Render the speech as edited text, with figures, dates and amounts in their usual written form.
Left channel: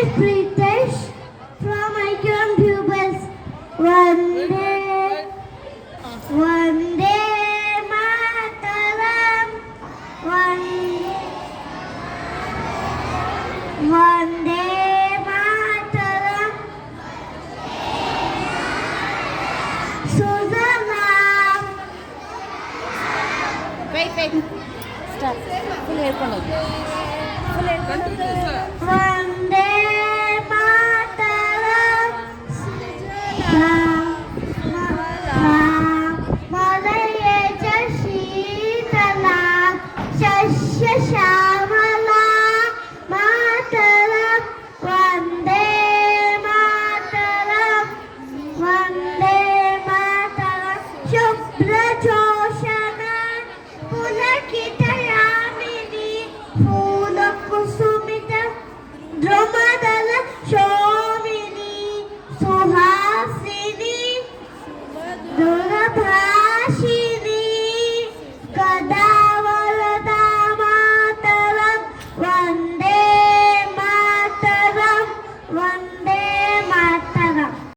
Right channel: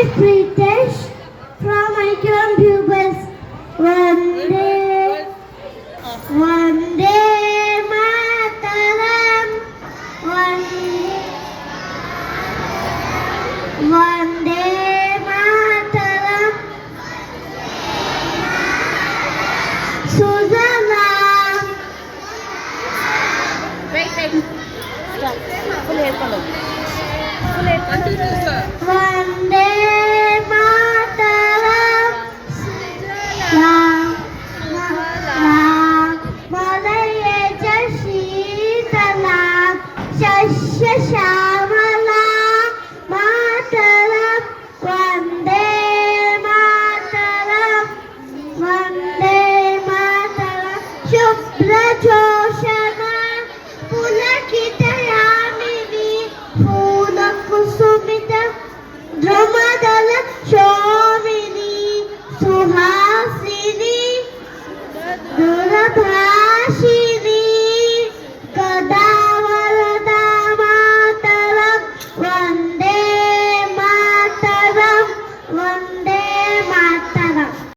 is Pritesh from IQM Pupils. Vande Mataram. Vande Mataram. Suzalam. Right. Stop. Full hair color. Vande Mataram. Suzalam. Madhurya Shitalam. Shashya Shamalam. Mataram. Vande Mataram. Vande Mataram. Shubhra Joshana. Pulakitayamini. Pula Kusumita. Drumadala Shomini. Suhasini. Durabha